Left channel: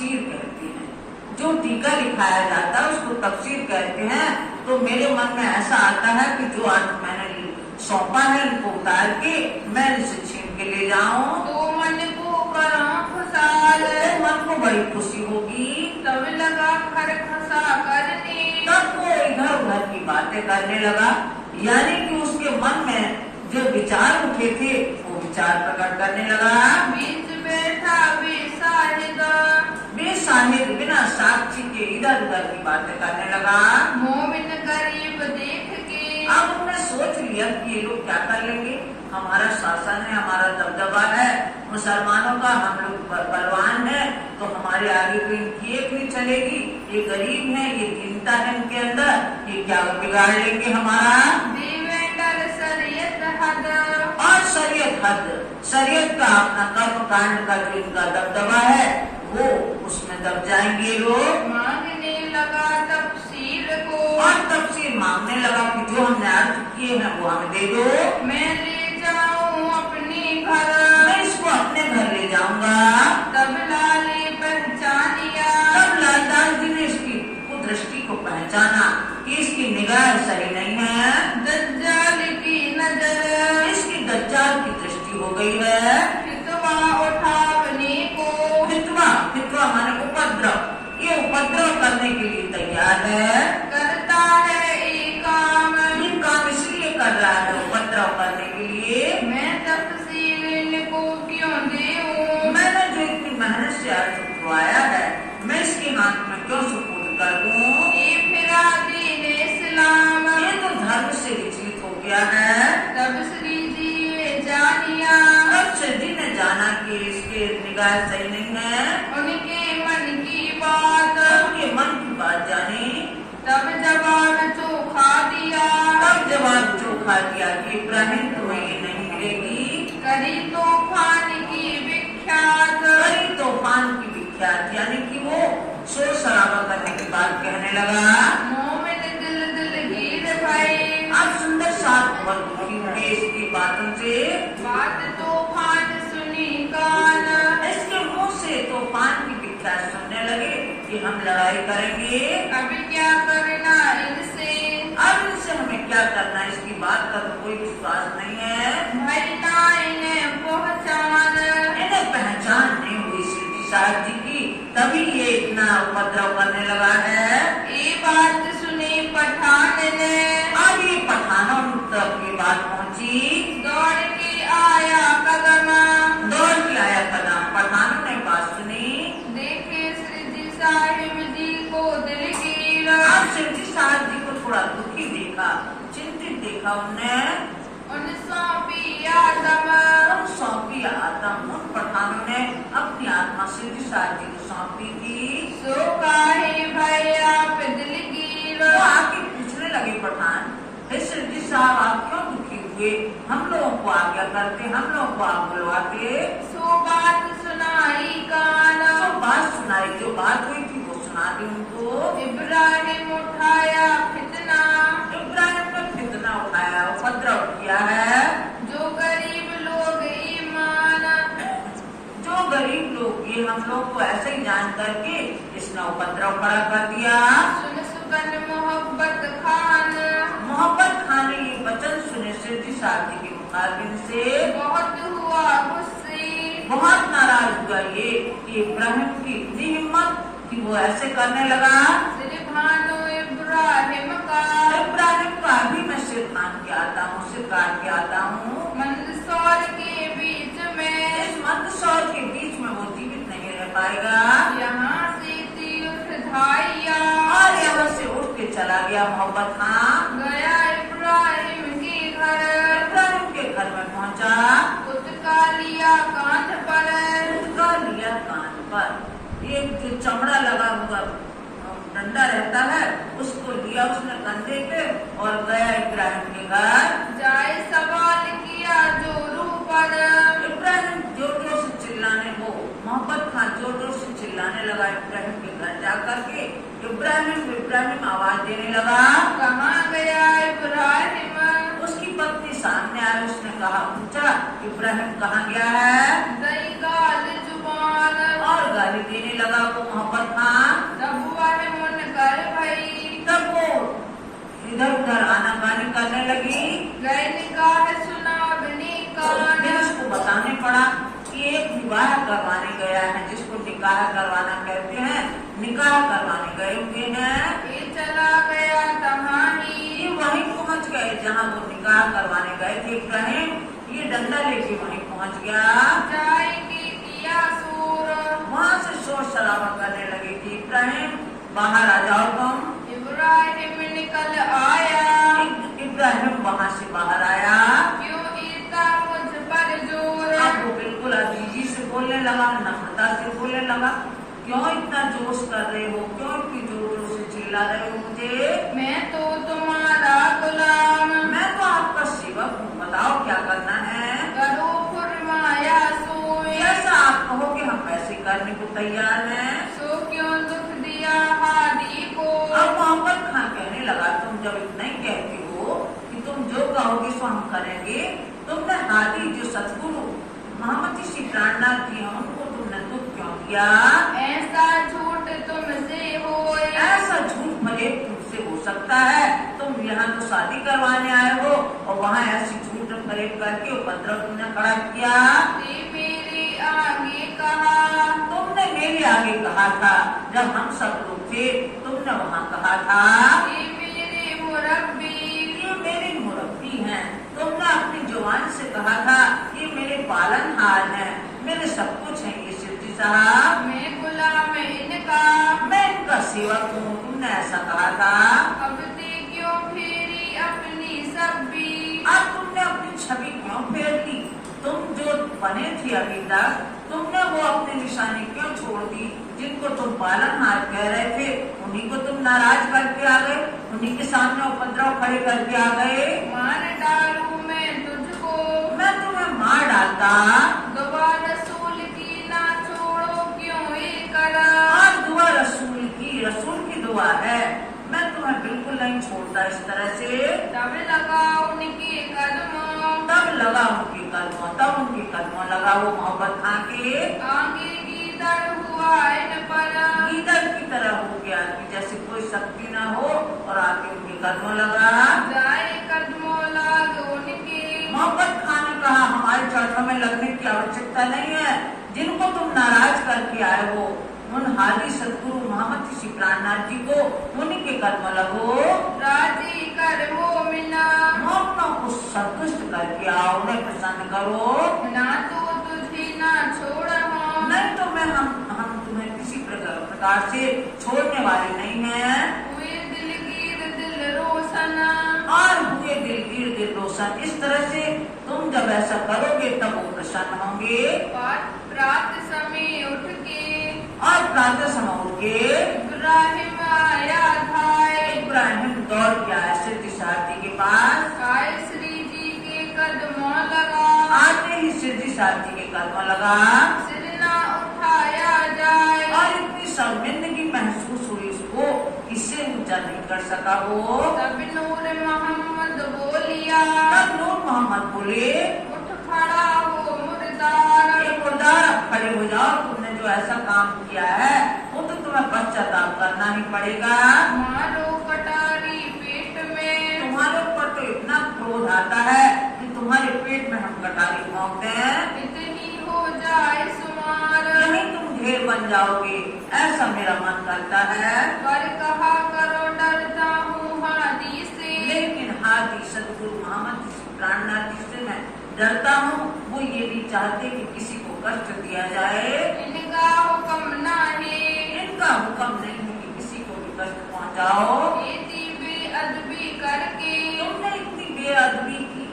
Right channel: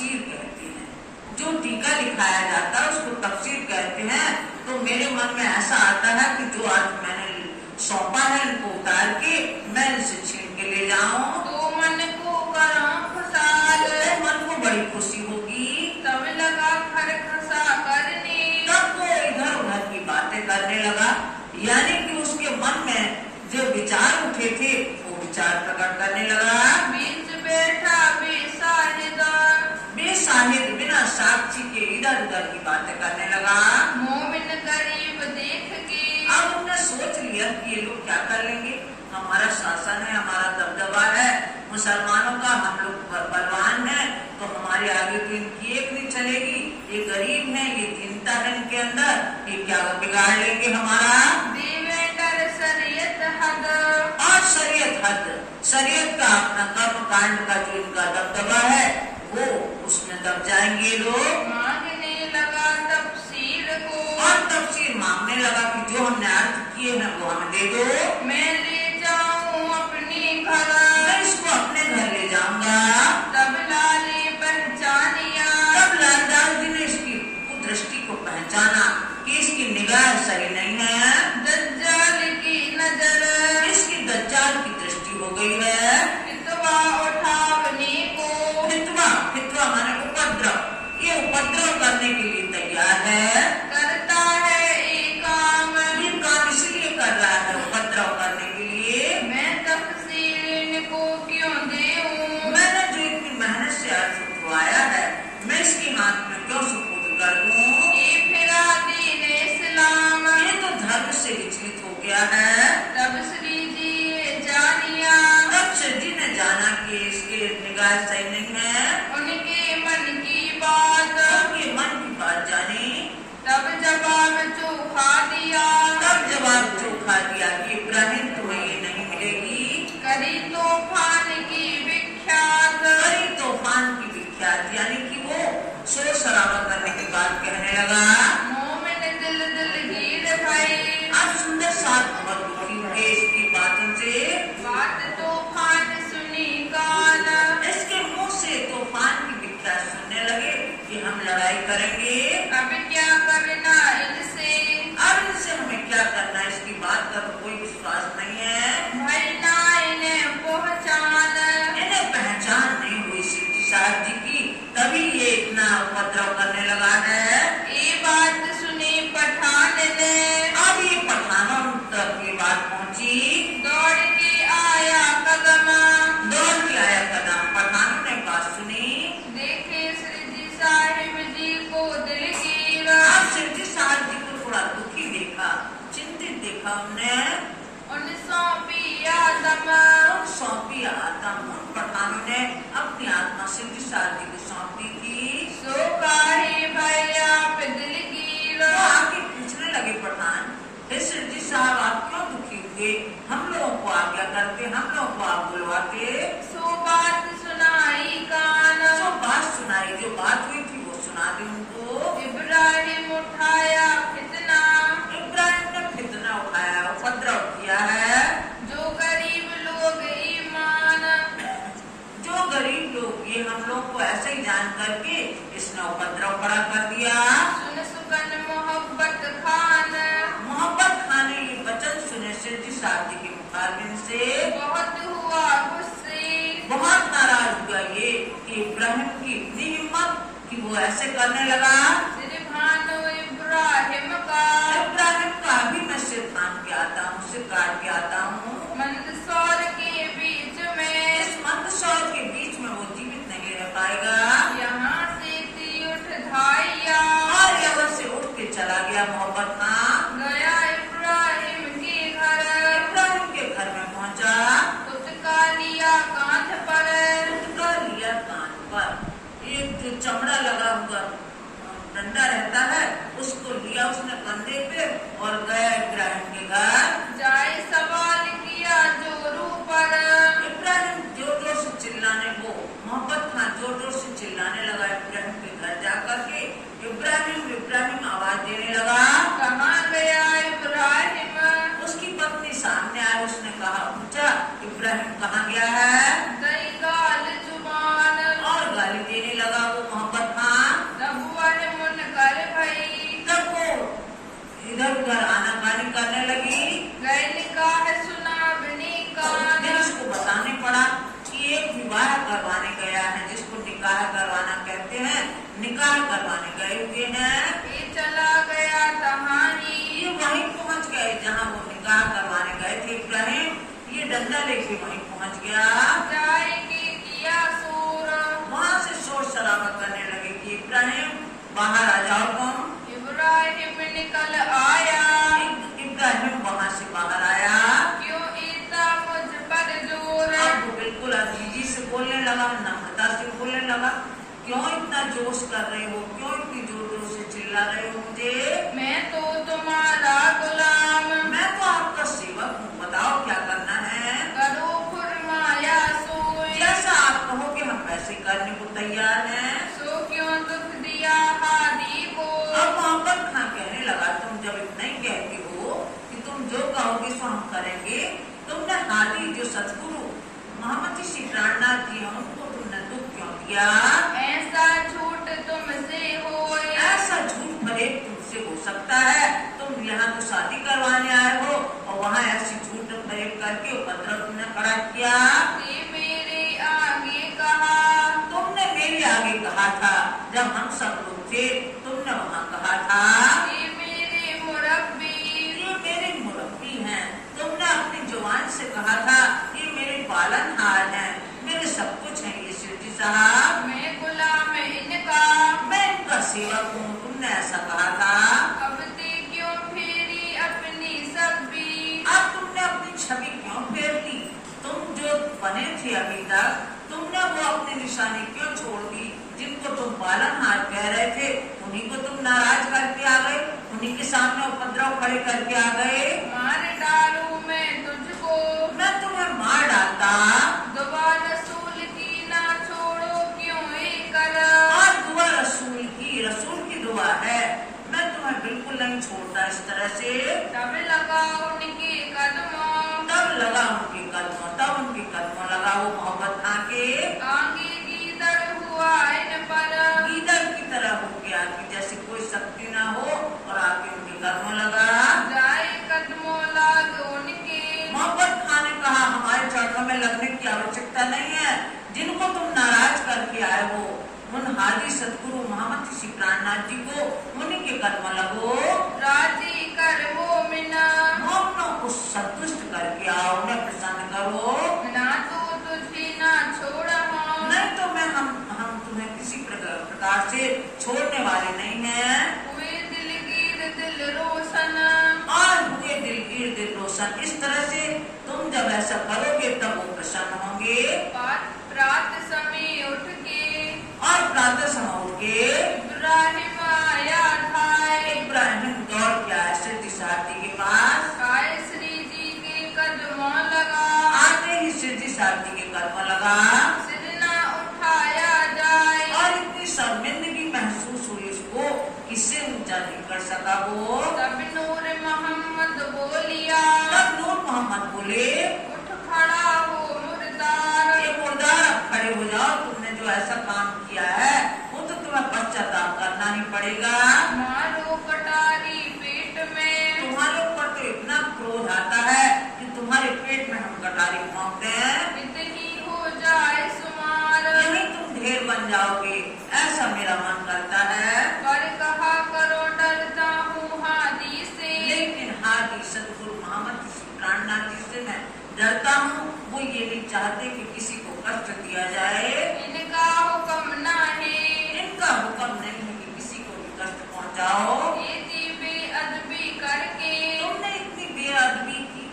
तफसीर कहते हैं। जो टीका लिखाया जाता है उसको तफसीर कहते हैं। तो मेरे मन में ऐसा आता है कि जो अर्थ मैंने सौंपा है इनको उतार के मैं इसे छीन के ले जाऊं तो मन को करो खुशहाल, मन को बड़ी खुशी होगी। तब लगा खर खसा करने, तब वो इधर उधर की बातें करने लगा, यानी कि उसके मन में जो विचार उठे थे वो विचार प्रकट करने लगा। बीच बैठा बेसाहिद बिना साक्षी के इधर उधर की बातें करने लगा। मोमिन गरीब देख के, अब उन्होंने सोच लिया कि ये लोग क्या कर लेंगे, हमारा शासन है, हमारा दबदबा है मुसलमानों का, हम लोग बलवान है, तो हमारे आगे तो इनकी एक नहीं चलेगी। ये गरीब है, ये दीनता है इनके अंदर, ये क्या बिगाड़ लेंगे हमारा। शरीयत हद, और शरीयत हद, शरीयत का अपना कर्म कांड का जो इनका दबदबा है वो उसमें दब जाएंगे लोग। मांगने लगा तफसीर को, और तफसीर मांगने लगा कि जो हमने अर्थ किए हैं वो हमें दे दो, मैं ले जाऊं अपने घर, मैं इसको अपने घर ले जाऊंगा। तब लाले पहचानिया, तब लालदान जी ने इसकी कुदृष्टि को पहचाना कि इसकी निगाह सही नहीं है, दज्जाल की नजर, इसकी दज्जाल की दृष्टि हो गई है। फितवा उठावने को, फितवा माने उपद्रव, ये उपद्रव करने के लिए तैयार है। करता है एक काम, ये काम इसलिए कर रहा है उपद्रव करने के लिए। मैं तफसीर इनको क्यों दूं, मैंने जो इतनी मेहनत से अर्थ उठवाया है मैं इसके हाथ में क्यों सुपुर्द कर दूं। ये फिरा दीन इस्लाम, ये तो धर्म से विचलित हो गया है। तब श्री जी जानिया, तब श्री जी ने जाना कि इसके निगाह सही नहीं है, उनके मन की बात, उनके मन की बात जानी। तब जवाब चोखा दिया, तब जवाब चोखा दिया कि इब्राहिम तुम्हें ये नहीं मिलेगी। करी तूफान की विख्यात, करी तूफान की विख्यात, यानी कि वो शोर शराबा करने के बाद कहने लगा। मोमिन दिल दिलगीर भाई, आप सुंदर साथ बहुत दुखी हुए इसकी बातों से। बात तूफान सुनी कान, इसके मुंह से तूफान की विख्यात सुनने लगे कि हम लड़ाई करेंगे। अब क्या करना इनसे, अब इनसे हमें क्या करना, इसकी बात का तो कोई विश्वास नहीं है। भाई ना इन्हें पहचान, इन्हें पहचान नहीं हुई सिद्धि साहब जी की, तभी ये इतना उपद्रव करने लगा है। ये बात सुनी पठान ने, अब ये पठानों तक ये बात पहुंची। दौड़ के आया कदम, दौड़ के आया कदम, पठानों ने बात सुनी। देखे श्री जी साहिब जी को दिलगीर, अब सिद्धि साहब जी को थोड़ा दुखी देखा, चिंतित देखा उनने। उन सौंपी आदम, सौंपी आदम, उन पठानों ने अपनी आत्मा सिद्धि साहब जी को सौंपी थी। सो काहे भाई आप दिलगीर, वो आके पूछने लगे पठान, हे सिद्धि साहब आप क्यों दुखी हुए, हम लोगों को आज्ञा करते, हम लोगों को आप बुलवाते। सो बात सुनाई कान, जो बात सुनाई, जो बात हुई थी वो सुना दी उनको। इब्राहिम उठाया फितना, इब्राहिम ने फितना उठाया, उपद्रव किया है। जो गरीब लोग ईमान, जो गरीब लोग, ये हम लोग को ऐसे ही जान करके इसने उपद्रव खड़ा कर दिया। सुन सुगन मोहब्बत खान, मोहब्बत खाने ये वचन सुने सिद्धि साहब जी के मुखारबिन से बहुत हुआ गुस्से, बहुत नाराज हुआ ये कि इब्राहिम की इतनी हिम्मत कि वो ऐसे करने लगा। सिर भानो इब्राहिम का, इब्राहिम का अभी मैं सिर थान के आता हूँ, सिर काट के आता हूँ। मंदसौर के बीच में, इस मंदसौर के बीच में वो जीवित नहीं रह पाएगा। यहाँ से थी उठ धाइया, और यहाँ से उठ के चला गया मोहब्बत खां। गया इब्राहिम के घर, इब्राहिम के घर में पहुँचा। उचका लिया कांध पर, उठका लिया कान पर, एक जो चमड़ा लगा हुआ डंडा रहता है उसको लिया उसने कंधे पे और गया इब्राहिम के घर। जाए सवाल किया जोरू पर, इब्राहिम जोर जोर से चिल्लाने को, मोहब्बत खां जोर जोर से चिल्लाने लगा इब्राहिम के घर जाकर के। इब्राहिम इब्राहिम आवाज देने लगा। कहाँ गया इब्राहिम, उसकी पत्नी सामने आई, उसने कहा, पूछा इब्राहिम कहाँ गया है, दई गाल जुबान, और गाली देने लगा वो इधर उधर आनाकानी करने लगी। गए निकाह सुनावनी कान। फिर उसको बताने पड़ा कि एक विवाह करवाने गया है, जिसको निकाह करवाना कहते हैं, निकाह करवाने गए हुए हैं। ये चला गया तहानी। ये वहीं पहुंच गए जहाँ वो निकाह करवाने गए थे इब्राहिम। ये डंडा लेके वहीं पहुंच गया। जाएंगे किया सूर। वहाँ से शोर शराबा करने लगे कि इब्राहिम बाहर आ जाओ तुम। इब्राहिम निकल आया। इब्राहिम वहाँ से बाहर आया। क्यों इतना मुझ पर जोर। अब वो बिल्कुल अजीजी से बोलने लगा, नम्रता से बोलने लगा। क्यों इतना जोश कर रहे हो, क्यों इतनी जोर जोर से चिल्ला रहे हो मुझे? मैं तो तुम्हारा गुलाम। मैं तो आपका सेवक हूँ, बताओ क्या करना है। करो फरमाया सोए। जैसा आप कहोगे हम वैसे करने को तैयार हैं। सो क्यों दुख दिया हादी को। अब मोहम्मद खान कहने लगा, तुम जब इतना ही कहती हो कि तुम जो कहोगे सो हम करेंगे, तुमने हादी जो सतगुरु मोहम्मद जी प्राणनाथ जी हैं उनको तुमने दुख क्यों दिया? ऐसा झूठ तुमसे होए। ऐसा झूठ भले तुमसे हो सकता है। तुम यहाँ तो शादी करवाने आए हो और वहाँ ऐसी झूठ फरेब करके उपद्रव तुमने खड़ा किया। मेरे आगे कहा। तुमने मेरे आगे कहा था, जब हम सब लोग थे तुमने वहाँ कहा था। ये मेरे मुरब्बी। ये मेरे मुरब्बी हैं। तुमने अपनी जुबान से कहा था ये मेरे पालनहार हैं, मेरे सब कुछ हैं ये सिद्धि साहब। मैं गुलाम इनका। मैं इनका सेवक हूँ, तुमने ऐसा कहा था। अब ते क्यों फेरी अपनी सब्बी। अब तुमने अपनी छवि क्यों फेर दी? तुम जो बने थे अभी तक, तुमने वो अपनी निशानी क्यों छोड़ दी? जिनको तुम पालनहार कह रहे थे उन्हीं को तुम नाराज करके आ गए, उन्हीं के सामने उपद्रव खड़े करके आ गए। मार डालू मैं तुझको। मैं तुम्हें मार डालता। दुआ रसूल की ना छोड़ो क्यों ये करा। और दुआ रसूल की दुआ है, मैं तुम्हें बिल्कुल नहीं छोड़ता इस तरह से। तब लगा उनके कदमों। तब लगा उनके कदमों, तब उनके कदमों लगा वो मोहब्बत खां के। आगे गीदड़ हुआ इन पर। गीदड़ की तरह हो गया कि जैसे कोई शक्ति ना हो और आके उनके कदमों लगा। जाए कदमों लाग उनके। मोहब्बत खां ने कहा हमारे चरणों में लगने की आवश्यकता नहीं है। जिनको तुम नाराज करके आए हो उन हादी सतगुरु मोहम्मद जी प्राणनाथ जी को, उन्हीं के कदमों लगो। राजी कर मोमिना। मोमनों को संतुष्ट करके आओ, उन्हें प्रसन्न करो। ना तो तुझे ना छोड़ा हम। नहीं तो मैं हम तुम्हें किसी प्रकार से छोड़ने वाले नहीं हैं। हुए दिलगीर दिल रोशन। और हुए दिलगीर दिल रोशन। इस तरह से तुम जब ऐसा करोगे तब वो प्रसन्न होंगे। प्रात समय उठ के। और प्रातः समय उठ के इब्राहिम आया था। इब्राहिम दौड़ के आया सिद्धि सारथी के पास। काय श्री जी के कदमों लगा। आते ही सिद्धि सारथी के कदमों लगा। सिर ना उठाया जाए। और इतनी शर्मिंदगी महसूस हुई उसको, इससे ऊंचा नहीं कर सका वो। तब नूर मोहम्मद बोलिया। तब नूर मोहम्मद बोले, उठ खड़ा हो मुर्दार। मुर्दार अब खड़े हो जाओ, तुमने जो ऐसा काम किया है वो तो तुम्हें पश्चाताप करना ही पड़ेगा। मारो कटारी पेट में। तुम्हारे ऊपर तो इतना क्रोध आता है कि तुम्हारे पेट में हम कटारी भोंकते हैं। इतनी हो जाए सुमार। यही तुम ढेर बन जाओगे, ऐसा मेरा मन करता है। पर कहा करो डरता हूँ हादी से। लेकिन हादी सतगुरु मोहम्मद जी प्राणनाथ जी से मैं डरता हूँ। वो ये नहीं चाहते कि किसी को कष्ट दिया जाए। इनका हुक्म ना है। इनका हुक्म नहीं है कि किसी को भी कष्ट पहुँचाओ। इतनी बेअदबी करके। तुमने इतनी बेअदबी की,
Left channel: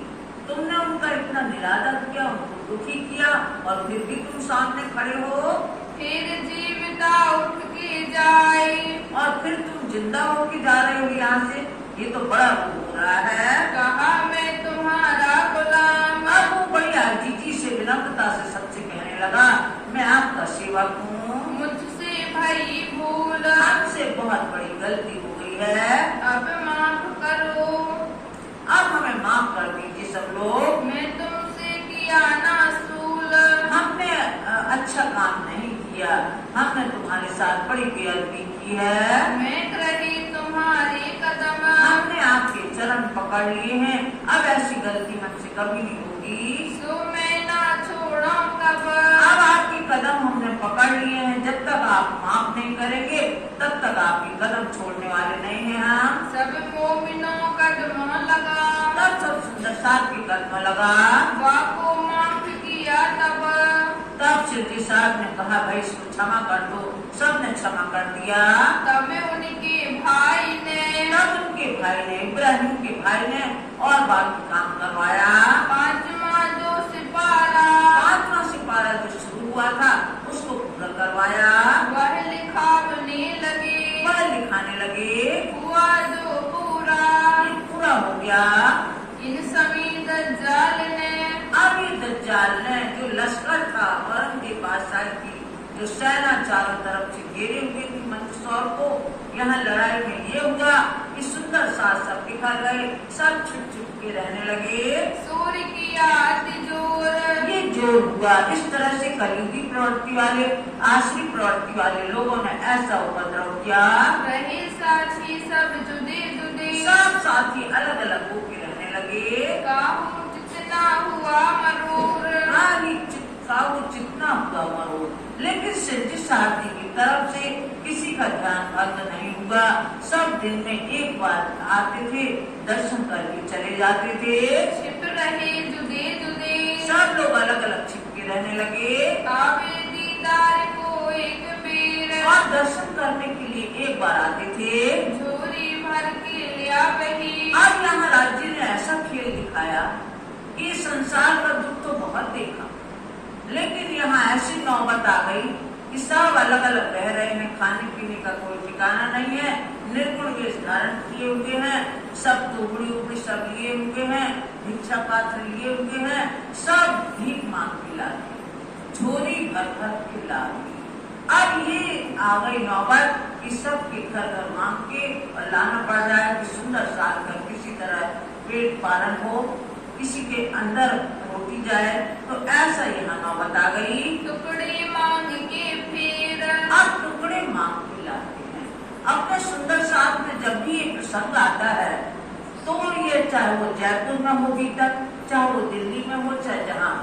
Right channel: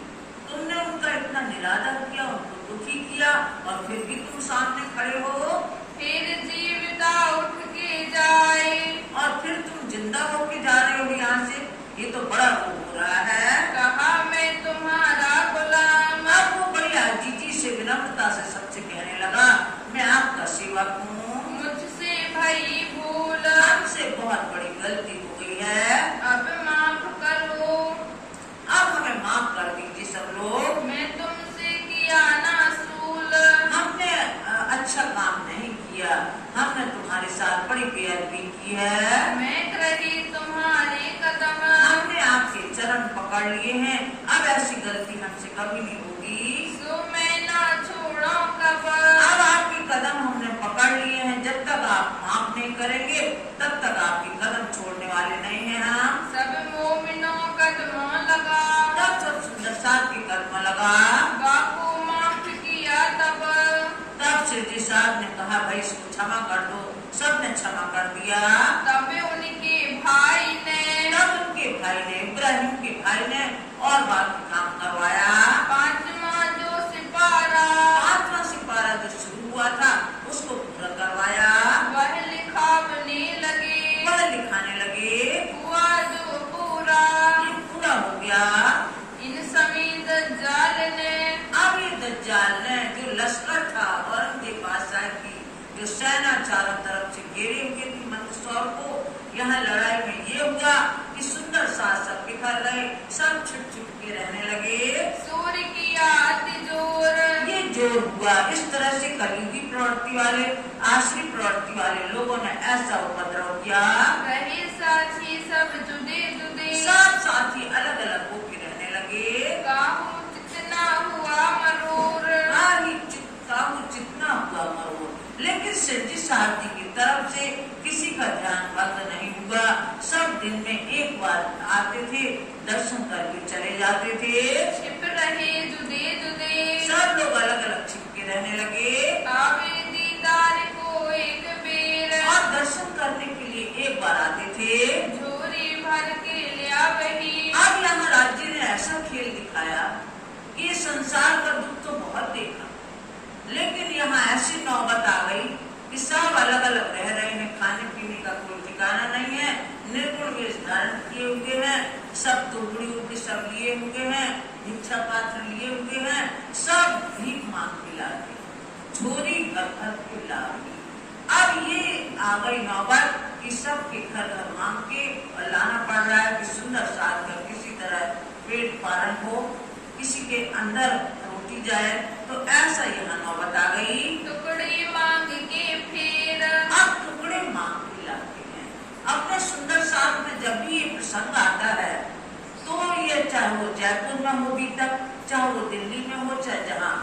तुमने उनका इतना निरादर किया, उनको दुखी किया और फिर भी तुम सामने खड़े हो। फिर जीविता उठ के जाए। और फिर तुम जिंदा होके जा रहे हो यहाँ से, ये तो बड़ा वो हो रहा है। कहा मैं तुम्हारा गुलाम। अब वो बड़ी आजीजी से विनम्रता से सबसे कहने लगा, मैं आपका सेवक हूँ। मुझसे भई भूल। हमसे बहुत बड़ी गलती हो गई है। अब माफ करो। अब हमें माफ कर दीजिए सब लोग। मैं तुमसे किया ना सूल। हमने अच्छा काम नहीं किया, हमने तुम्हारे साथ बड़ी बेअदबी की है। मैं रही तुम्हारे कदम। हमने आपके चरण पकड़ लिए हैं, अब ऐसी गलती हमसे कभी नहीं होगी। सो मैं ना छोड़ो कब, अब आपके कदम हमने पकड़ लिए हैं, जब तक आप माफ नहीं करेंगे तब तक आपके कदम छोड़ने वाले नहीं हैं हम। सब मोमिनों कदमों लगा, तब सब सुंदर साथ के कदम लगा, बाको माफ किया तब शिवजी साहब ने कहा भाई इसको क्षमा कर दो, सबने क्षमा कर दिया। तब उनके भाई ने, तब उनके भाई ने, इब्राहिम के भाई ने और बाकी काम करवाया। पांचवा जो सिपारा, पांचवा सिपारा जो शुरू हुआ था उसको पूरा करवाया। वह लिखावने लगे, वह लिखाने लगे, हुआ जो पूरा, ये पूरा हो गया। इन सभी दज्जाल ने, अब ये दज्जाल ने जो लश्कर था औरंगजेब बादशाह की जो सेना चारों तरफ से घेरे हुए थी मंदसौर को, यहाँ लड़ाई में ये हुआ कि सुंदर साथ सब बिखर रहे, सब छिप छिप के रहने लगे। सूर्य किया तिजोर, ये जोर हुआ। इस तरह से कलयुगी प्रवृत्ति वाले, आसरी प्रवृत्ति वाले लोगों ने ऐसा उपद्रव किया। रहे साथी सब जुदे जुदे, सब साथी अलग अलग होकर रहने लगे। काहू जितना हुआ मरूर, जितना हुआ मरोड़, लेकिन शिवजी साहब जी की तरफ से किसी का ध्यान भंग नहीं हुआ। सब दिन में एक बार आते थे, दर्शन करके चले जाते थे। छिप रहे जुदे जुदे, सब लोग अलग अलग छिप के रहने लगे। आवे दीदार को एक बेर, और दर्शन करने के लिए एक बार आते थे। झोरी भर के लिया वही, अब यहाँ राज्य ने ऐसा खेल दिखाया कि संसार का दुख तो बहुत देखा, लेकिन यहाँ ऐसी नौबत आ गई कि सब अलग अलग रह रहे हैं, खाने पीने का कोई ठिकाना नहीं है, निर्गुण वेश धारण किए हुए हैं, सब दुबड़ी उबड़ी सब लिए हुए हैं, भिक्षा पात्र लिए हुए हैं, सब भीख मांग के ला रही, झोली भर भर के ला रही। अब ये आ गई नौबत कि सबके घर घर मांग के और लाना पड़ रहा है कि सुंदर साथ का किसी तरह पेट पालन हो, किसी के अंदर रोटी जाए। तो ऐसा यहाँ नौबत आ गई। टुकड़े मांग के फिर, अब टुकड़े मांग के लाते हैं अपने सुंदर साथ में। जब भी ये प्रसंग आता है तो ये चाहे वो जयपुर में हो भी तक, चाहे वो दिल्ली में हो, चाहे जहाँ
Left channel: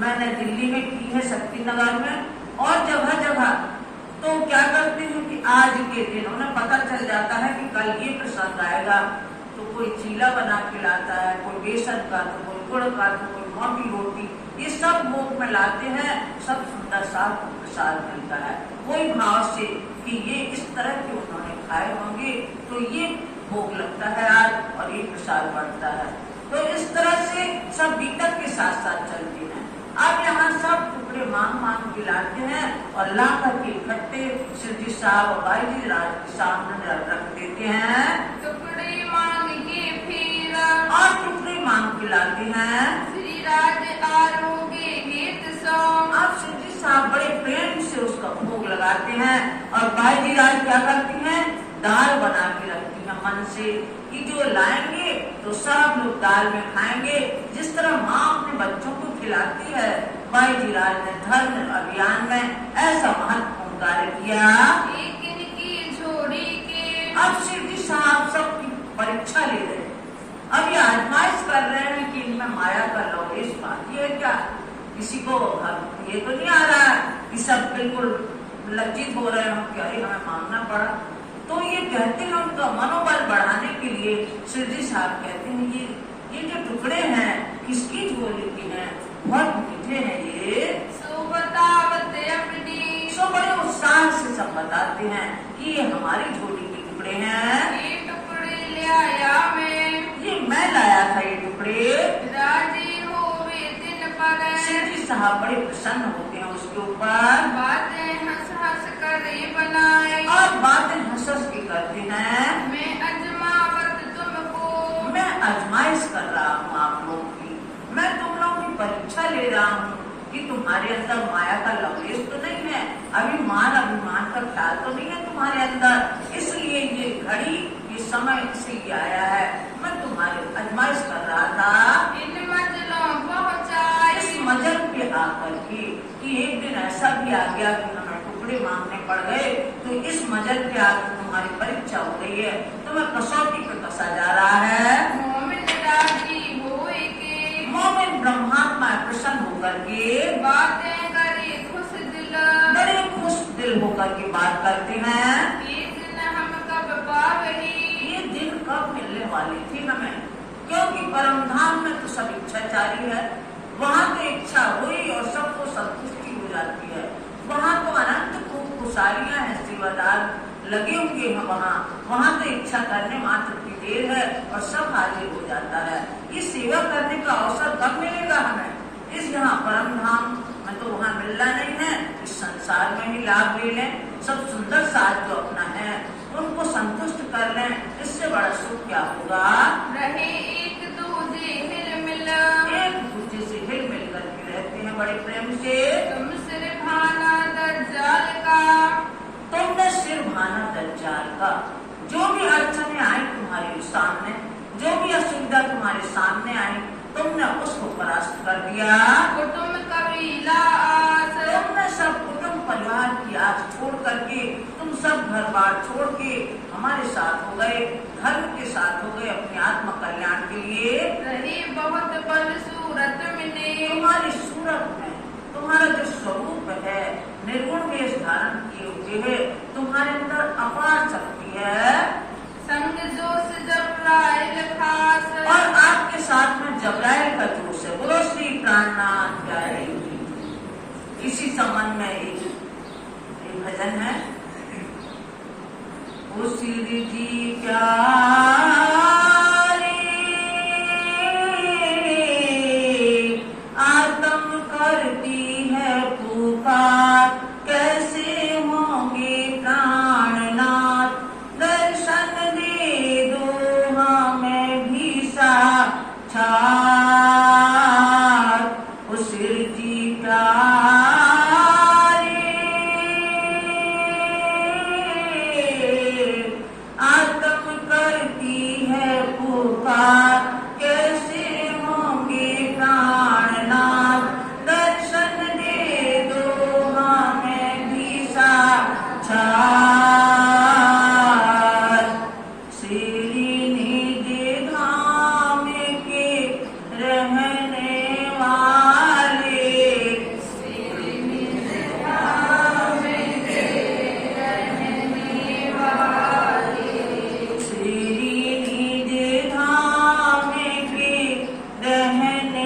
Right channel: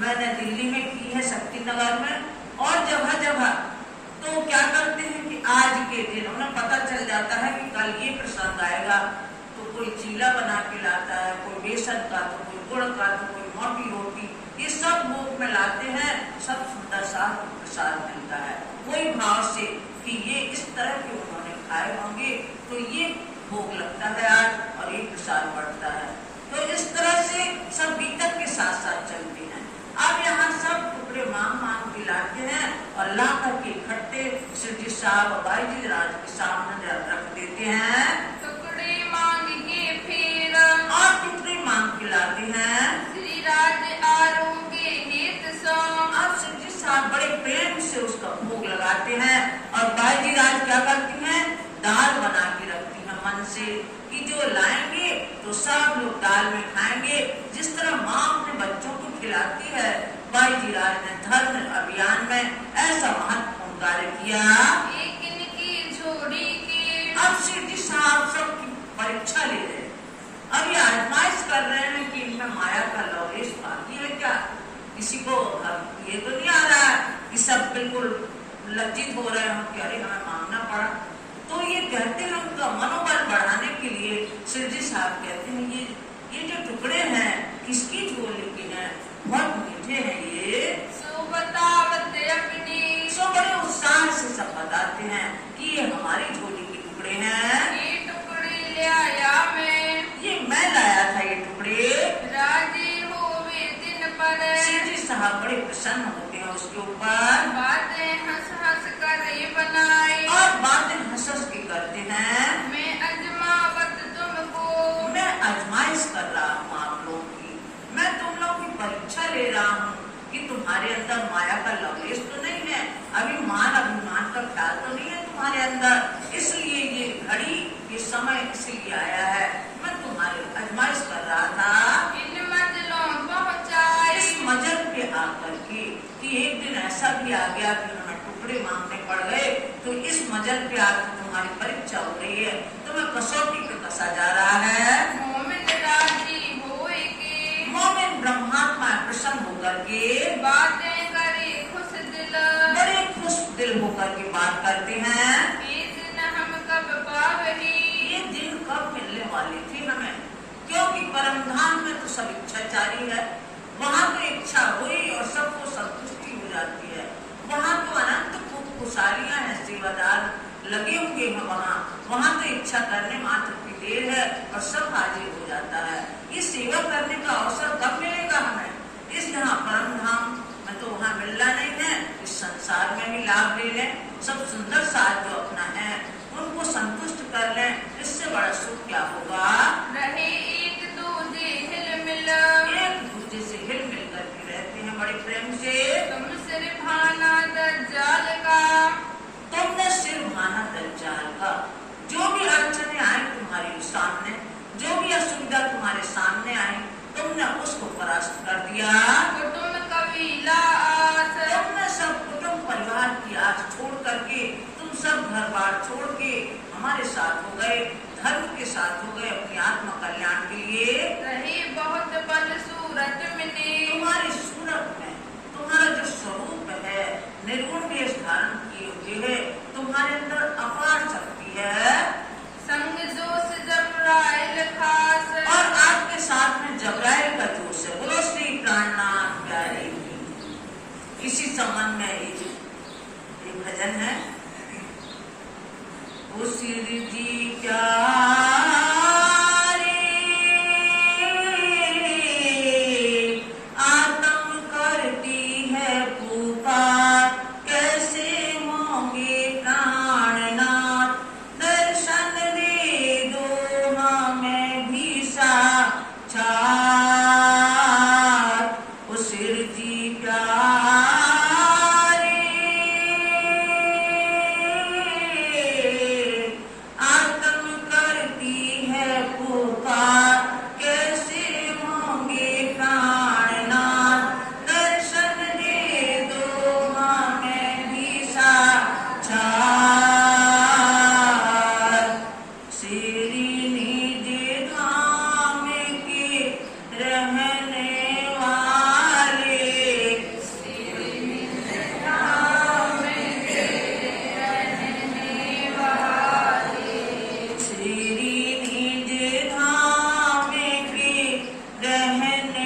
मैंने दिल्ली में की है शक्ति नगर में और जगह जगह, तो क्या करते हैं कि आज के दिन उन्हें पता चल जाता है कि कल ये प्रसंग आएगा, तो कोई चीला बना के लाता है, कोई बेसन का, तो कोई गुड़ का, तो कोई मोटी रोटी, ये सब भोग में लाते हैं। सब सुंदर साथ प्रसाद मिलता है वही भाव से कि ये इस तरह के उन्होंने खाए होंगे तो ये भोग लगता है आज और ये प्रसाद बढ़ता है। तो इस तरह से सब बीतक के साथ साथ चलते हैं। अब यहाँ सब टुकड़े मांग मांग के लाते हैं और ला करके इकट्ठे शिवजी साहब और भाई जी राज के सामने रख देते हैं। टुकड़े मांग के फिर, और टुकड़े मांग के लाते हैं। श्री राज आरोग्य हित सो, अब शिवजी साहब बड़े प्रेम से उसका भोग लगाते हैं और भाई जी राज क्या करती हैं, दाल बना के रखती है मन से कि जो लाएंगे तो सब लोग दाल में खाएंगे। जिस तरह माँ अपने बच्चों को खिलाती है, भाई जी राज ने धर्म अभियान में ऐसा महत्वपूर्ण कार्य किया। एक इनकी झोड़ी के, अब शिवजी साहब सबकी परीक्षा ले रहे हैं, अब ये आजमाइश कर रहे हैं कि इनमें माया का लवलेश बाकी है क्या। किसी को ये तो नहीं आ रहा है कि सब बिल्कुल लज्जित हो रहे हैं कि अरे हमें मांगना पड़ा। तो ये कहते हैं उनका मनोबल बढ़ाने के लिए शिवजी साहब कहते हैं ये जो टुकड़े हैं किसकी झोली के हैं, बहुत मीठे हैं ये। सो बतावत अपनी, सो बड़े उत्साह से सब बताते हैं कि ये हमारी झोली के टुकड़े हैं। ये टुकड़े ले आया मैं लाया था ये टुकड़े। राजी होवे दिन पर, शिवजी साहब बड़े प्रसन्न होते हैं उसके ऊपर। बातें हंस हंस कर बनाए, और बातें हंस हंस के करते हैं। मैं अजमावत तुमको, मैं आजमाइश कर रहा हूँ आप लोगों की, मैं तुम लोगों की परीक्षा ले रहा हूँ कि तुम्हारे अंदर माया का लवलेश तो नहीं है, अभी मान अभिमान का ख्याल तो नहीं है तुम्हारे अंदर, इसलिए ये घड़ी ये समय इसलिए आया है। मैं तुम्हारे आजमाइश कर रहा था। इन मंजिलों पहुँचाए, इस मंजिल पे आकर के कि एक दिन ऐसा भी आ गया कि हमें टुकड़े मांगने पड़ गए, तो इस मंजिल पे आकर तुम्हारी परीक्षा हो रही है, तो तुम्हें कसौटी पे कसा जा रहा है। मोमिन राजी होए के, मोमिन ब्रह्मात्मा प्रसन्न होकर के बातें करे खुश दिल, बड़े खुश दिल होकर के बात करते हैं। ये दिन हम कब पावही, ये दिन कब मिलने वाली थी हमें, क्योंकि परम धाम में तो सब इच्छाचारी है, वहाँ तो इच्छा हुई और सबको संतुष्टि हो जाती है। वहाँ तो अनंत खुशहालियां हैं, सेवादार लगे होंगे हैं वहाँ तो इच्छा करने मात्र की देर है और सब हाजिर हो जाता है। ये सेवा करने का अवसर कब मिलेगा हमें? इस यहाँ परम धाम में तो वहाँ मिलना नहीं है, इस संसार में ही लाभ ले लें। सब सुंदर साथ जो अपना है उनको संतुष्ट कर लें, इससे बड़ा सुख क्या होगा। रहे एक दूजे हिल मिल, एक दूसरे से हिल मिल करके रहते हैं बड़े प्रेम से। तुम सिर भाना दज्जाल का, तुमने सिर भाना दज्जाल का। जो भी अड़चने आए तुम्हारे सामने, जो भी असुविधा तुम्हारे सामने आई, तुमने उसको परास्त कर दिया। कुटुंब कबीला आस, तुमने सब कुटुंब परिवार की आस छोड़ करके, तुम सब घर बार छोड़ के हमारे साथ हो गए, धर्म के साथ हो गए, अपने आत्म कल्याण के लिए। रही बहुत बल सूरत मिले, तुम्हारी सूरत में तुम्हारा जो स्वरूप है, निर्गुण वेश धारण किए हुए है, तुम्हारे अंदर अपार शक्ति है। संग जोश जबराइल खास, और आपके साथ में जबराइल का जोश है। बोलो श्री प्राणनाथ प्यारे जी। इसी संबंध में एक भजन है, ओ श्री जी प्यारे आत्म करती है पुकार, कैसे होंगे प्राणनाथ, दर्शन दे दो हमें भी साक्षात। ओ सिर जी प्यारे आत्म करती है पुकार, कैसे होंगे प्राणनाथ, दर्शन दे दो हमें भी साक्षात। श्री निज धाम के रहने वाले, श्री निज धाम के रहने वाले, श्री निज धाम के रहने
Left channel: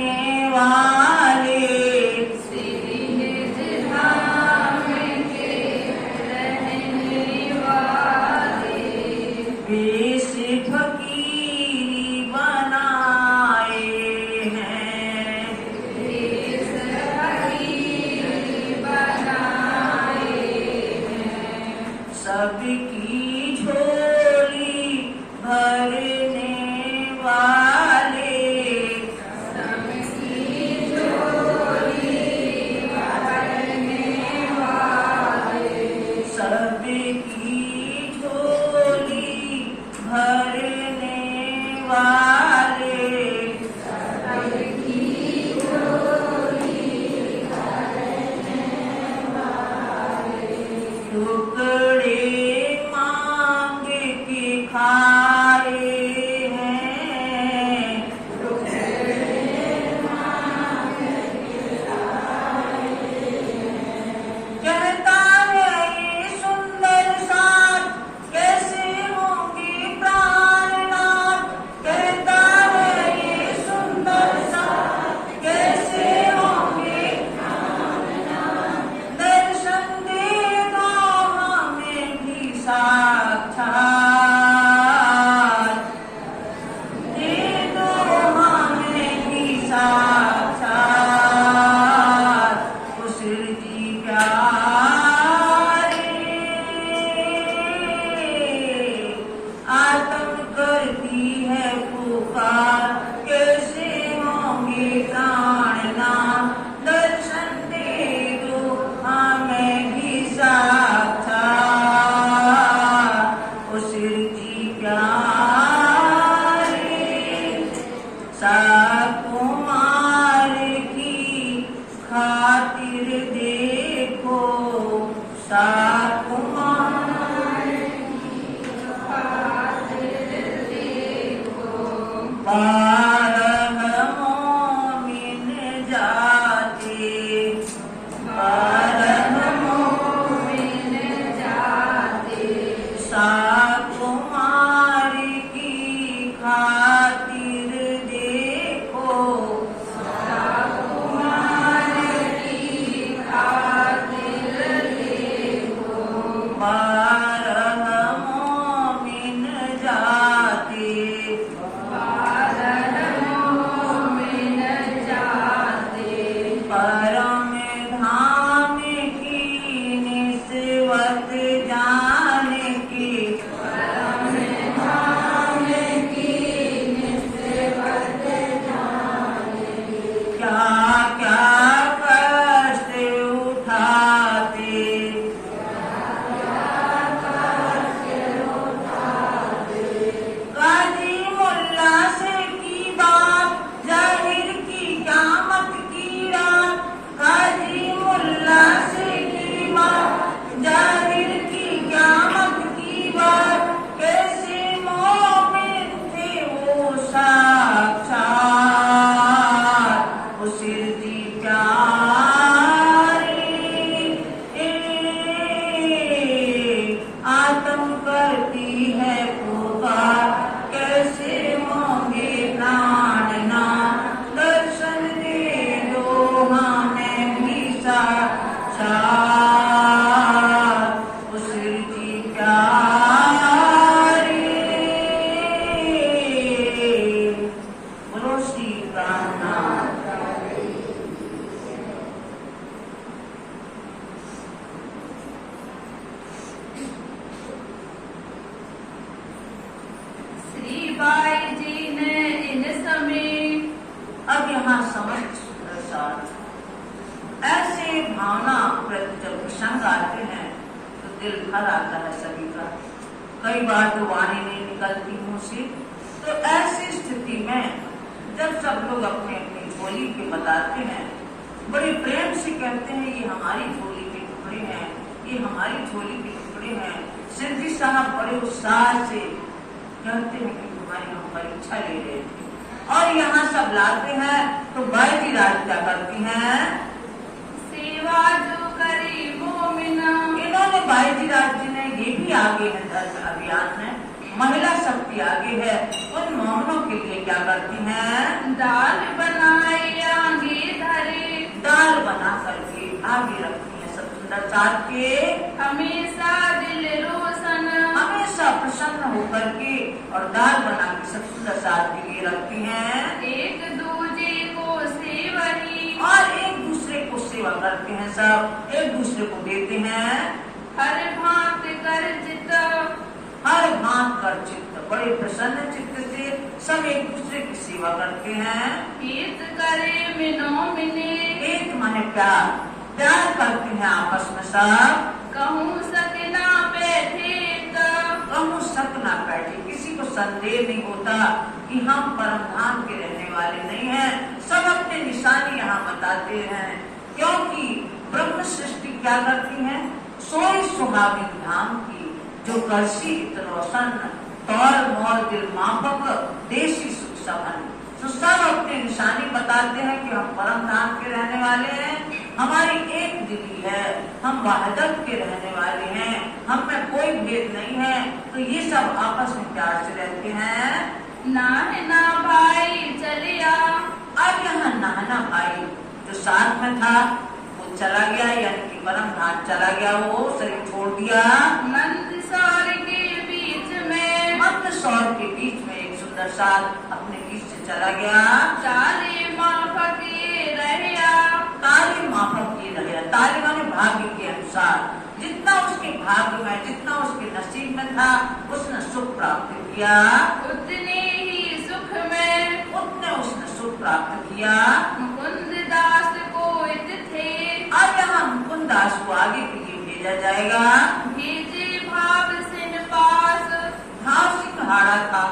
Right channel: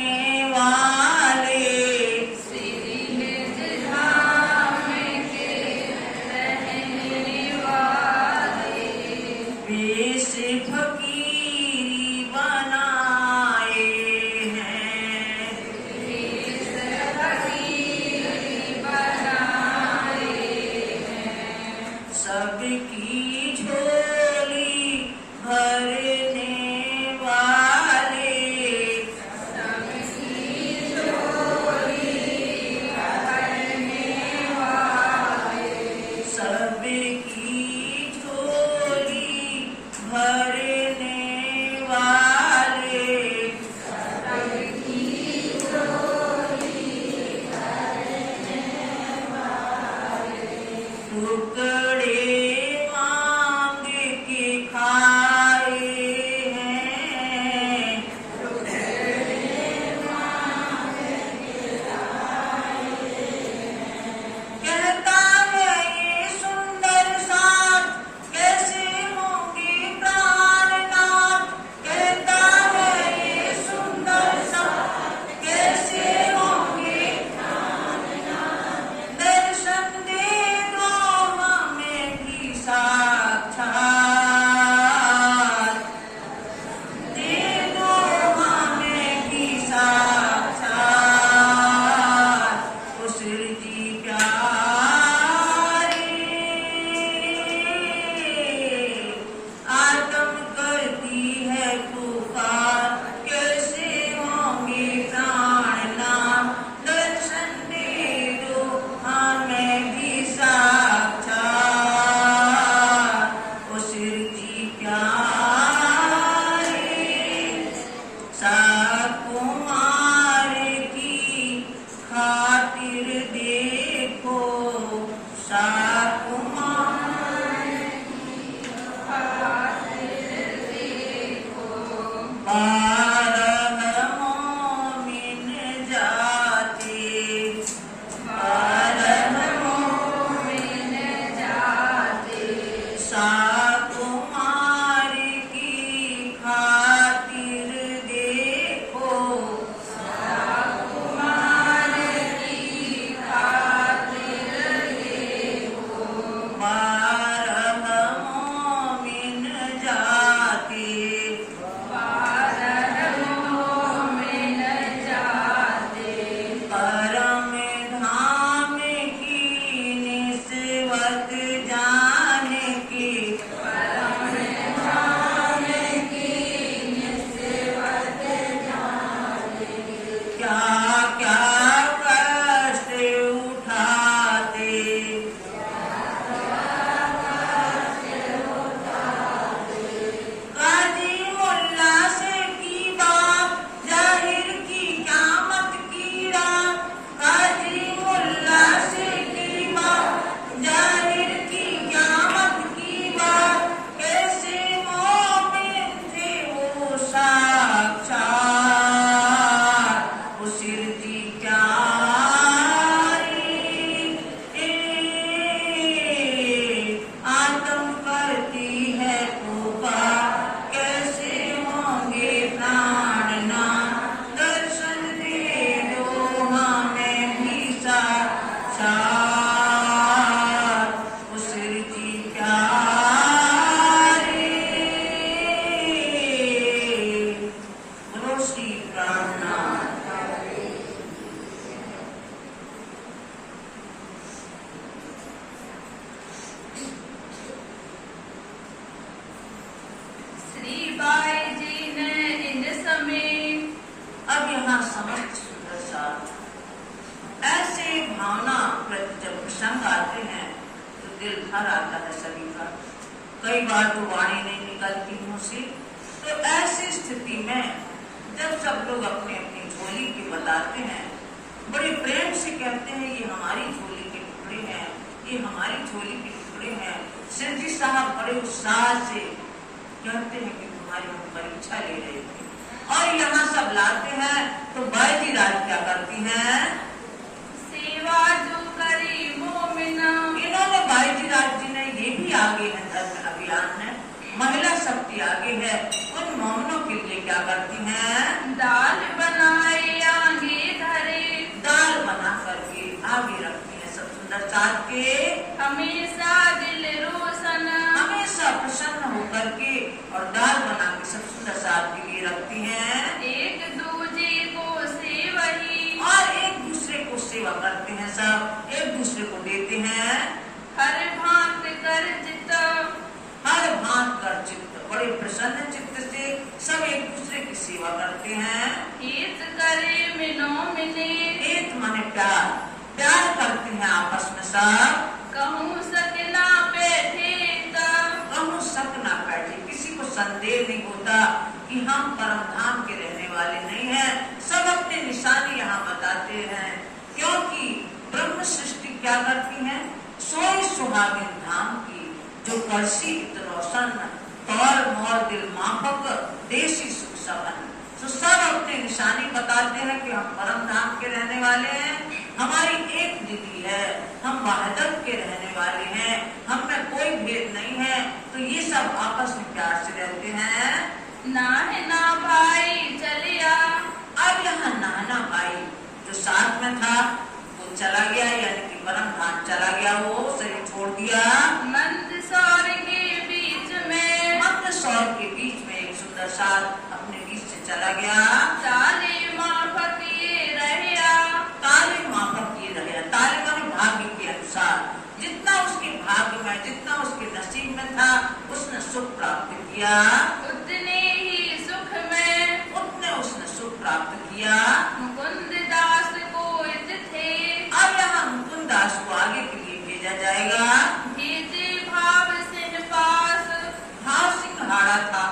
वाले, श्री निज धाम के रहने वाले, वेश फकीरी बनाए हैं, देश फकीर बनाए हैं, सबकी झोली भरने वाले, सबकी झोली भरने वाले, सबकी झोली भरने वाले, सबकी झोली भरने वाले, टुकड़े मांग के खाए हैं, कहता है ये सुंदर साथ, कैसे होंगे प्राणनाथ, कहता है ये सुंदर साथ, कैसे होंगे, दर्शन दे दो हमें भी साक्षात, दे दो हमें भी साक्षात। ओ सिर जी प्यारे आत्म करती है पुकार, कैसे होंगे प्राणनाथ, दर्शन दे दो हमें भी साक्षात। ओ सिर जी प्यारे कुमार की खातिर देखो परम मोह मिल जाते। साकुमार की खातिर देखो, कुमार की खातिर देखो। 12 मोमिन जाते, 12 मोमिन जाते। परम धाम की निस्बत जाने की, परम धाम की निस्बत क्या क्या कष्ट उठाते, काजी मुल्ला से की बात जाहिर की क़यामत की रात, काजी मुल्ला से की बात जाहिर की क़यामत की बात, कैसे मोमिन थे वो साक्षात, वो सिरजी प्यारी आत्म करती है पुकार, कैसे होंगे प्राणनाथ, दर्शन दे दो हमें भी साक्षात, वो सिरजी प्यारी। बोलो श्री प्राणनाथ। श्री बाई जी ने इन समय अब यहाँ समस्त सुंदर साथ ऐसे भावना प्रति जब प्रसंग आते हैं तो दिल भर आता है सभी का। कई बार तो वाणी नहीं निकलती मुंह से। तो ऐसी स्थिति में जब सब लोग अपने अपनी झोली के बताते हैं, बड़े प्रेम से कहते हैं ये हमारी झोली के टुकड़े हैं, ये हमारी झोली के टुकड़े हैं। सिरजी साहब बड़े उत्साह से कहते हैं कि तुम्हारी हम परीक्षा ले रहे थे और यहाँ सब लाते हैं। तो बाई राज क्या करती हैं? सेवा जो करी मोमिना। इन्होंने बाई राज जी ने ये भी आगे है धर्म अभियान में, महिला शक्ति आगे है। उन मोहनों के लिए क्या करती हैं? दाल बनाए आगे धरे। दाल बना करके आगे रखती हैं सब सुंदर साथ के। हमेशा दिल रोशन। हमेशा प्रसन्न होकर के और दाल बना के सब सुंदर साथ के लिए रखती हैं। एक दूजे को सेवही। और एक दूसरे को सेवा करते हैं, सब एक दूसरे को देते हैं। हर भांत कर जित। हर भांत कर चित्त, बड़े प्रसन्न चित्त से सब एक दूसरे की सेवा करते हैं। हित करे मिनो मिने। एक माने प्यार, प्यार करते हैं आपस में सब। कहूँ सकना बैठे कहूँ सक ना बैठे, किसी को संदेह नहीं होता कि हम परम धाम के रहने वाले नहीं हैं। सब अपने निशानी यहाँ बताते हैं, क्योंकि ब्रह्म सृष्टि क्या करती है? सोई सुहागिन धाम की, जो करसी इत रोशन, तौर मोर दिल माफक, देशी सुख सबन। तो सब अपने निशानी बताते हैं कि हम परम धाम के रहने वाले हैं, हमारी एक दिली है, हम वहदत के रहने वाले हैं, हम में कोई भेद नहीं है। तो ये सब आपस में प्यार से रहते हैं। ना है ना भाई चलिया। अब यहाँ नाना भाई जो साथ में था वो चला गया, यानी कि परम धाम चला गया, वो शरीर छोड़ दिया। मंदसौर के बीच में। मंदसौर के बीच में एक सुंदर साथ अपने बीच से चला गया। चाले माफक ये रहया। ताली माफक ये रहे, ताली माने भाग्य के अनुसार, जितना उसके भाग्य में, जितना उसके नसीब में था, उसने सुख प्राप्त किया। उतने ही सुख में उतने उसने सुख प्राप्त किया। मुकुंद दास को इत थे। अब यहाँ मुकुंद दास को आगे के लिए भेजा जाएगा। भेजे भाव सिंह पास। भाव सिंघाड़ा था,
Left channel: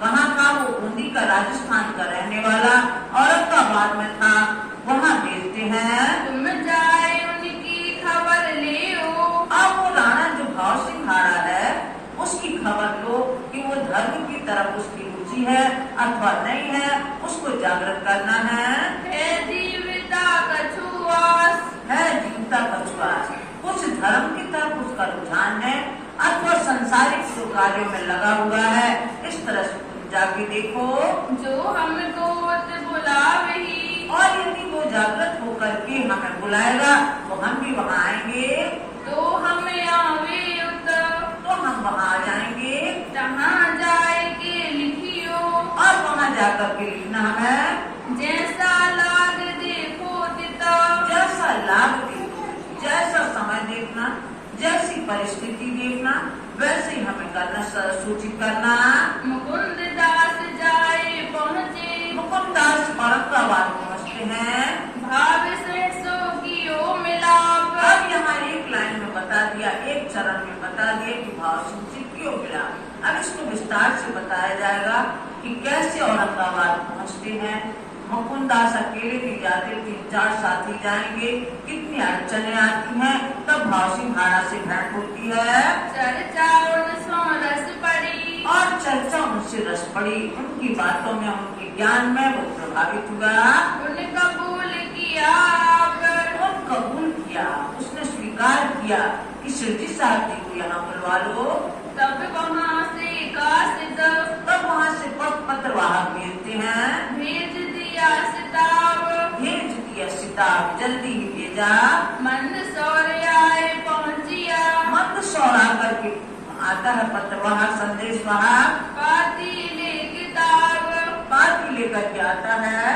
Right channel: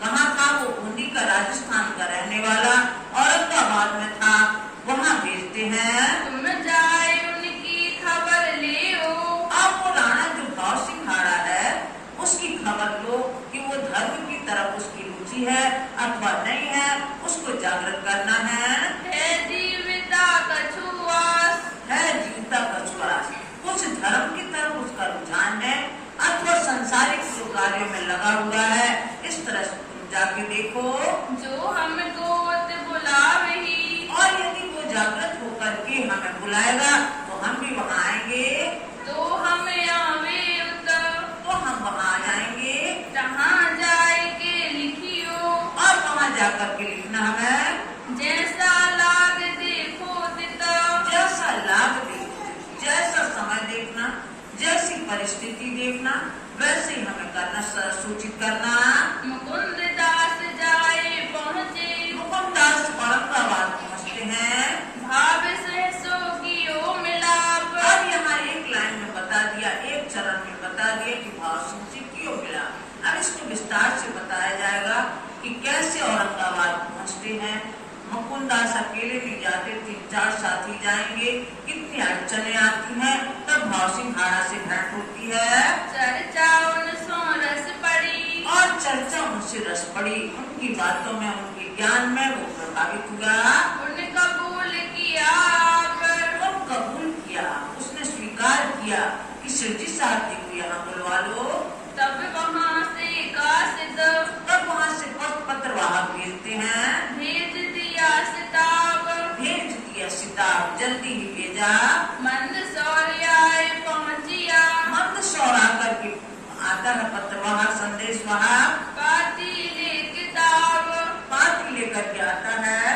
कहाँ था वो? बूंदी का, राजस्थान का रहने वाला, औरंगाबाद में था, वहाँ भेजते हैं। तुम जाए उनकी खबर ले ओ। अब वो राणा जो भाव सिंघाड़ा है उसकी खबर लो कि वो धर्म की तरफ उसकी रुचि है अथवा नहीं है, उसको जागृत करना है। है जीविता कछुआस। है जीवता कछुआ, कुछ धर्म की तरफ उसका रुझान है अथवा संसारिक कार्यों में लगा हुआ है। इस तरह से तुम जाके देखो। जो हमको बुलावे ही, और यदि वो जागृत होकर के हमें बुलाएगा तो हम भी वहाँ आएंगे। तो हमें आवे उत, तो हम वहाँ आ जाएंगे। तहाँ जाए के लिखियो, और वहाँ जाकर के लिखना हमें जैसा लाग देखो तिता, जैसा लाभ देखना, जैसा समय देखना, जैसी परिस्थिति देखना, वैसे ही हमें करना, सूचित करना। मुकुंद दास जाए पहुँचे, मुकुंद दास औरंगाबाद पहुँचते हैं। भाव सहसो की ओ मिलाप, और यहाँ एक लाइन में बता दिया, एक चरण में बता दिया कि भाव सिंह से क्यों मिला। अब इसको विस्तार से बताया जाएगा कि कैसे औरंगाबाद पहुँचते हैं। मुकुंद दास अकेले नहीं जाते, 3-4 साथी जाएंगे। कितनी अड़चने आती हैं, तब भाव सिंह हाड़ा से भेंट होती है। चर्चा उनसो रस पड़ी, और चर्चा उनसे रस पड़ी, उनकी बातों में, उनके ज्ञान में वो प्रभावित हुआ। उन कबूल किया आप, उन कबूल किया, उसने स्वीकार किया कि शिरजी साहब जी को यहाँ बुलवा लो। तब वहाँ से कासिद, तब वहाँ से पत्रवाहक भेजते हैं। भेज दिया सिताब, भेज दिया सिताब, जल्दी ही भेजा। मंदसौर आए पहुँचिया, मंदसौर आकर के आता है पत्रवाहक, संदेश वाहक, पाती ले किताब, पाती लेकर के आता है।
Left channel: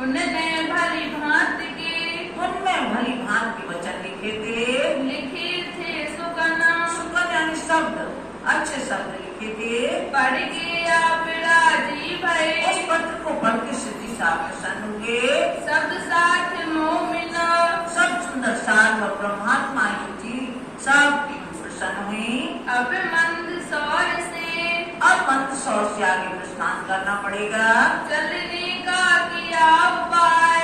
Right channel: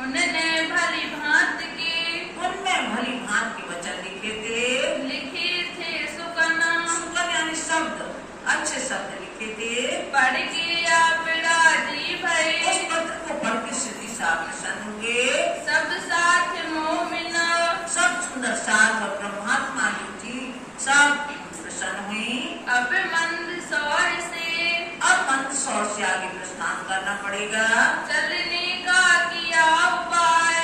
उनने भली भांत के, उनमें भली भांत के वचन लिखे थे। लिखे थे सुगना, सुगन यानी शब्द, अच्छे शब्द लिखे थे। पढ़ के आप राजी भई, उस पत्र को पढ़ के शिरडी साहब प्रसन्न हुए। सब साथ मोमिना, सब सुंदर साथ और ब्रह्मात्मा जी सब प्रसन्न हुई। अब मंदसौर से, अब मंदसौर से आगे प्रस्थान करना पड़ेगा। चलने का किया उपाय,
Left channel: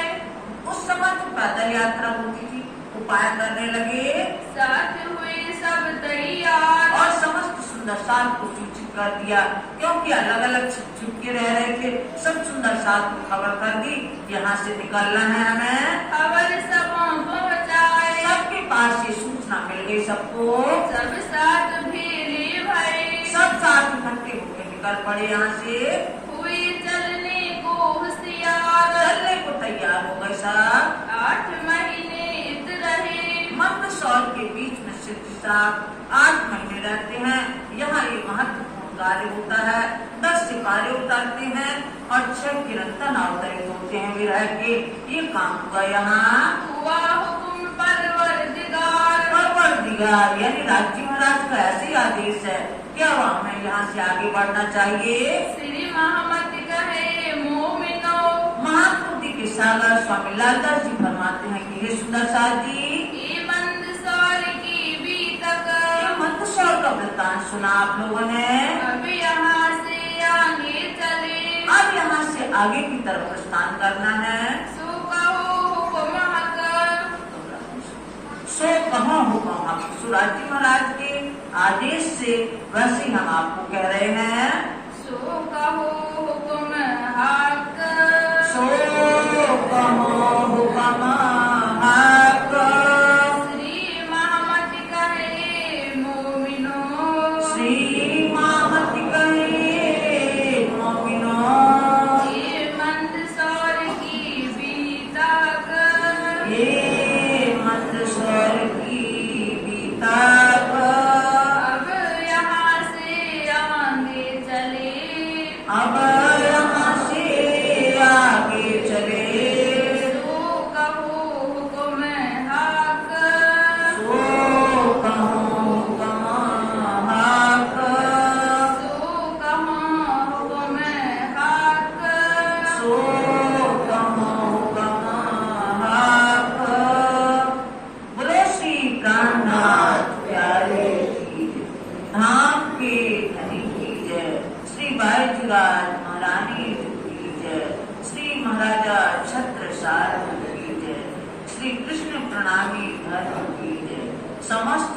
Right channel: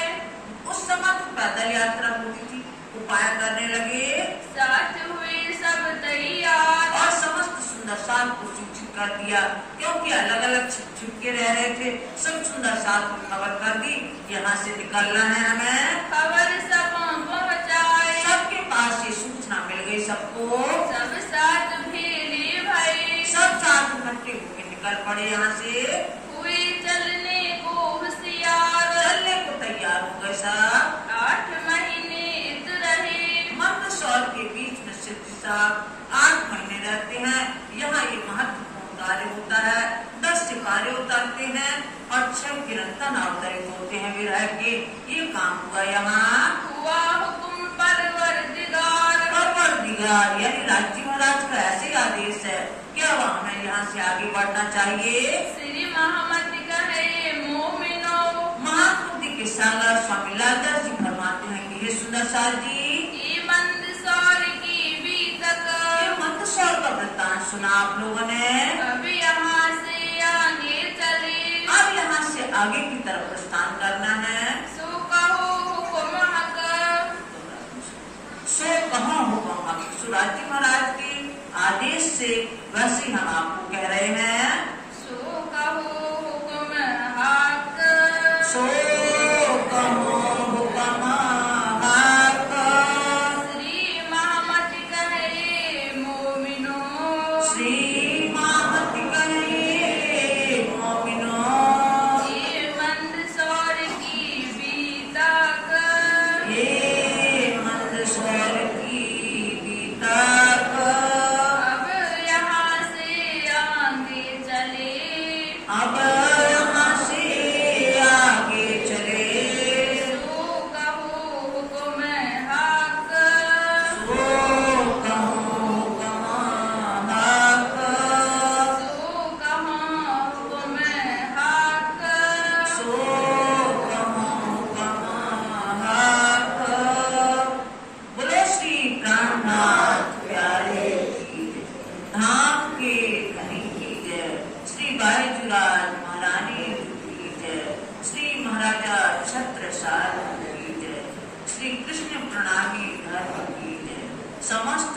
उस समय तो पैदल यात्रा होती थी, उपाय करने लगे। साथ हुए सब तैयार, और समस्त सुंदर साथ को सूचित कर दिया, क्योंकि अलग अलग छिप के रह रहे थे। सब सुंदर साथ को खबर कर दी, यहाँ से निकलना है हमें। खबर सब पहुँचाए, सबके पास ये सूचना मिल गई सबको। सब साथ भेले भई, सब साथ इकट्ठे होकर निकल पड़े यहाँ से। हुए चलने को होशियार, चलने को तैयार हो गए सब। 8 महीने इत रहे, मंदसौर के बीच में शिरडी साहब 8 महीने रहते हैं। यहाँ ये महत्वपूर्ण कार्य होता है। 10 सिपाही उतारते हैं और 6 किरंतन अवतरित होते हैं विरह के। ये काम हुआ यहाँ। हुआ हुकुम परवरदिगार, परवरदिगार यानी राज्य महाराज का ऐसे आदेश है, क्या हमें यहाँ से आगे बढ़ना चाहिए। श्री महमद कहे मोमिनो, महात्मा के सागर स्वामी लालदास जी फरमाते हैं कि हे सुंदर साथ जी, ये मंदसौर की बीतक, मंदसौर का वृत्तांत सुना आप लोगों ने। अब यहाँ से आगे चले, अब यहाँ से आगे की तरफ प्रस्थान करना है। सो कहो हुकुम हक, सो कहो हुकुम हक, सुराजी महाराज के आदेश से वैसे ही हम आपको कह रहे हैं। सो कहो हुकुम हक, सो कहो हुकुम हक, श्री महमद कहे मोमिनो, श्री महमद कहे मोमिनो, ये मंदसौर की बीतक, ये मंदसौर की बीतक, अब यहाँ से आगे चले, अब यहाँ से आगे चले। सो कहो हुकुम हक, सो कहो हुकुम हक, सो कहो हुकुम हक, सो कहो हुकुम हक। बोलो श्री प्राणनाथ प्यारे की जय, धाम के धनी की जय, श्री बाईजुराज महारानी की जय, श्री महाराजा छत्रसाल की जय, श्री कृष्ण प्रणामी धर्म की जय, समस्त